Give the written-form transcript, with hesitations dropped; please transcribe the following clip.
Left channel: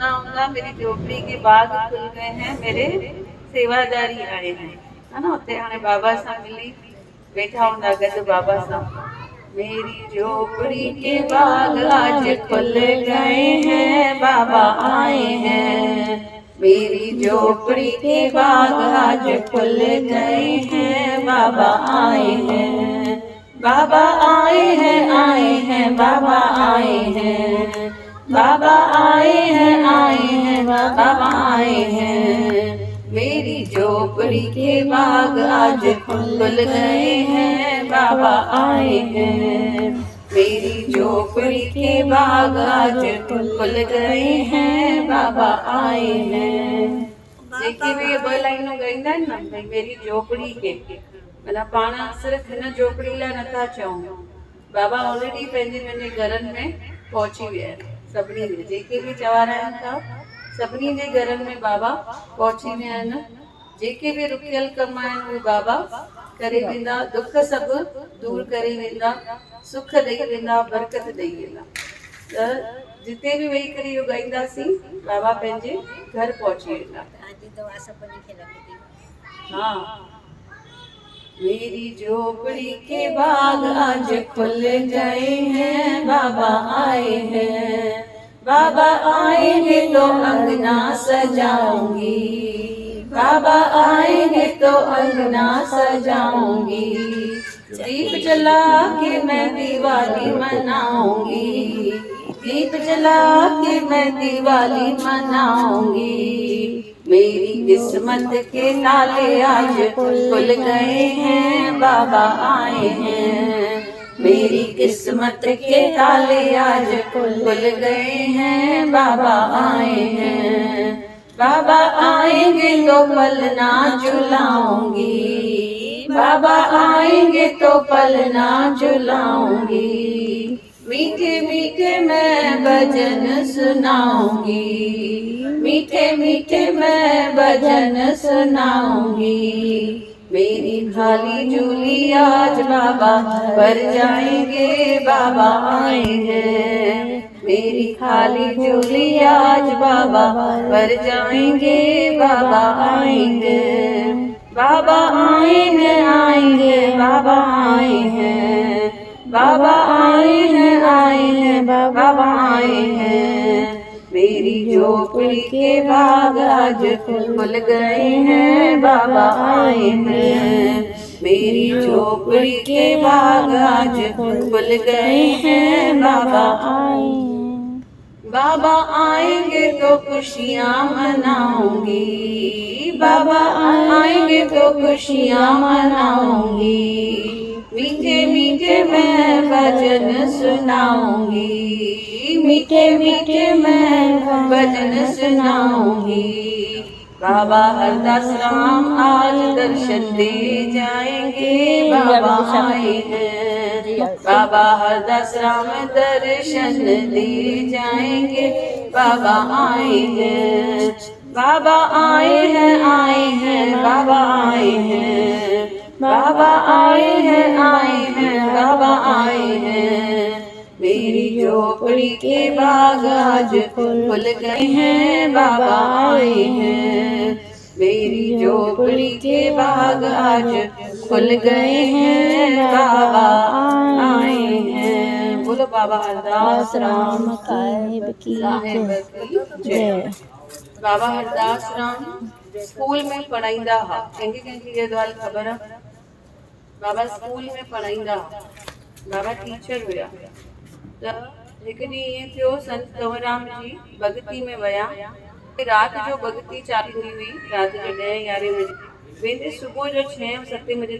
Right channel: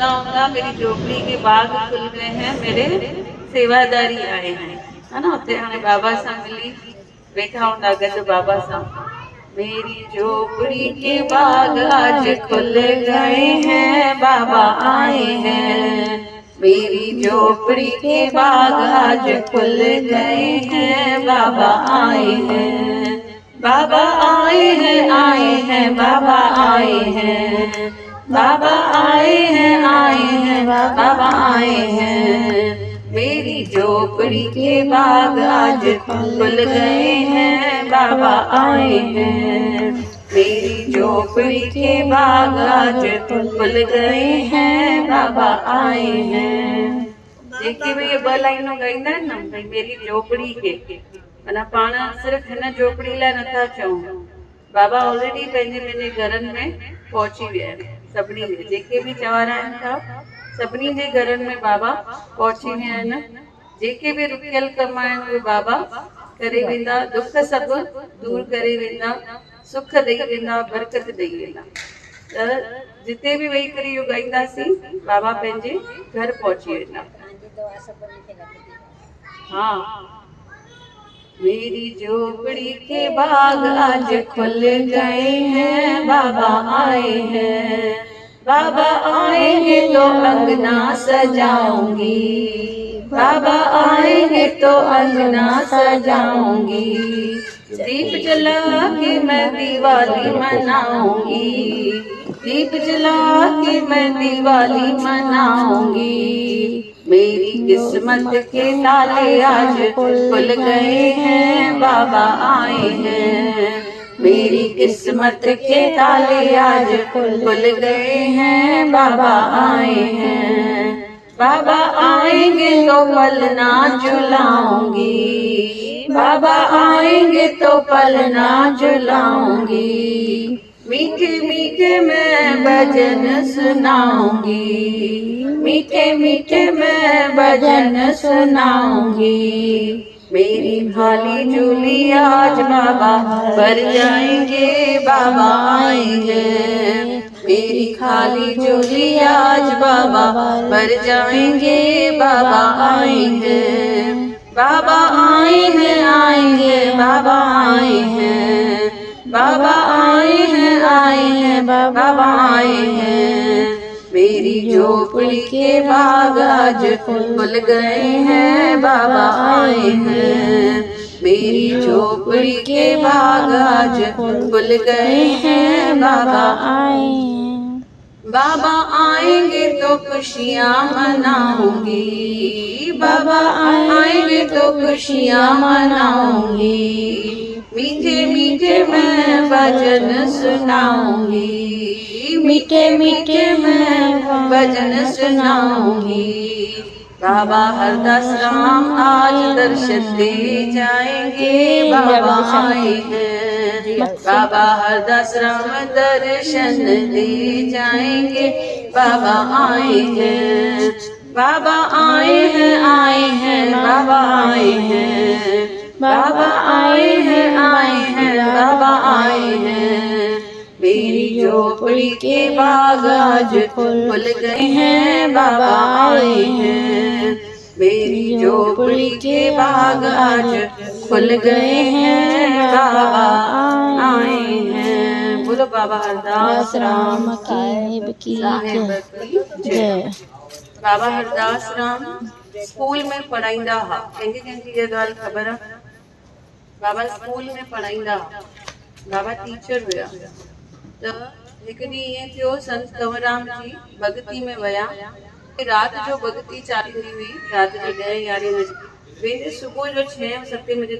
आऊंगा मेरी झोपड़ी के बाग खुल गए हैं, मेरे सेवादारी आए हैं, है ना। उते हाणे बाबा सां मिली वेठा हूंदा गॾु बाबा सां। मेरी झोपड़ी के बाग आज खुल गए हैं, बाबा आए हैं। मेरी झोपड़ी के बाग आज खुल गए हैं, बाबा आए हैं। बाबा आए हैं, बाबा आए हैं। बाबा आए हैं, बाबा आए हैं। मेरी झोपड़ी के बाग आज खुल गए हैं, बाबा आए हैं। मेरी झोपड़ी के बाग आज खुल गए हैं, बाबा आए हैं। जेकी भी ये ॿ लाइनूं ॻाईंदा आहिनि न, भई मेरी झोपड़ी के, माना पाण सिर्फ़ु हिन झोपड़ी लाइ नथा चऊं, बाबा ऑलरेडी पंहिंजे पंहिंजे घरनि में पहुची विया आहिनि। सभिनी जे जेके बि चवाराइनि था, सभिनी जे घरनि में बाबा पहुची विया आहिनि। जेके बि रुकियल कम आहिनि उहे बाबा करे वेंदा, दुख सभु दूर करे वेंदा, सुख ॾेई वेंदा, बरकत ॾेई वेंदा। त जिते बि वेही करे इहो ॻाईंदासीं, बाबा पंहिंजे घर पहुची वेंदा। हाँ, मेरी झोपड़ी के बाग आज खुल गए हैं, बाबा आए हैं। बाबा आएंगे तो अंगना सजाऊंगी, बाबा आएंगे तो अंगना सजाऊंगी। दीप जला के मैं दिवाली मनाऊंगी, दीप जला के मैं दिवाली मनाऊंगी। मेरी किस्मत के ताले आज खुल गए हैं, बाबा आए हैं। मेरी किस्मत के ताले आज खुल गए हैं, बाबा आए हैं। बाबा आएंगे तो पलना झुलाऊंगी, बाबा आएंगे तो पलना झुलाऊंगी। मीठे मीठे मैं भजन सुनाऊंगी, मीठे मीठे मैं भजन सुनाऊंगी। मेरी खाली झोली आज बाबा भर जाएंगे, बाबा आएंगे। मेरी खाली झोली आज बाबा भर जाएंगे, बाबा आएंगे। बाबा आएंगे आएंगे, बाबा आए हैं। बाबा आए हैं, बाबा आए हैं। मेरी झोपड़ी के बाग आज खुल गए हैं, बाबा आए हैं। मेरी झोपड़ी के बाग आज खुल गए हैं, बाबा आए हैं। बाबा आएंगे तो खुशियाँ मनाऊंगी, बाबा आएंगे तो खुशियाँ मनाऊंगी। मीठे मीठे मैं भजन सुनाऊंगी, मीठे मीठे मैं भजन सुनाऊंगी। बाबा हरदास राम आज दर्शन दे जाएंगे, बाबा आए हैं। बाबा हरदास राम दर्शन दे जाएंगे, बाबा आए हैं। बाबा आए हैं, बाबा आए हैं। बाबा आए हैं, बाबा आए हैं। मेरी झोपड़ी के बाग आज खुल गए हैं, बाबा आए हैं। मेरी झोपड़ी के बाग आज खुल गए हैं, बाबा आए हैं। बोलो बाबा हरदास राम की जय। बाबा हरदास राम स्कूल में पढ़ाईंदा हा। कंहिंखे कंहिंखे इहा ॻाल्हि ख़बर आहे? बाबा स्कूल में पढ़ाईंदा, बाबा टीचर हुया। त हिकु ॾींहुं ईअं थियो, संत कंवरराम जी भॻती में विया। राति जो भॻती चालू हुई, राति जो 10-11 बजे वेंदे सुबुह जो 6-7 बजे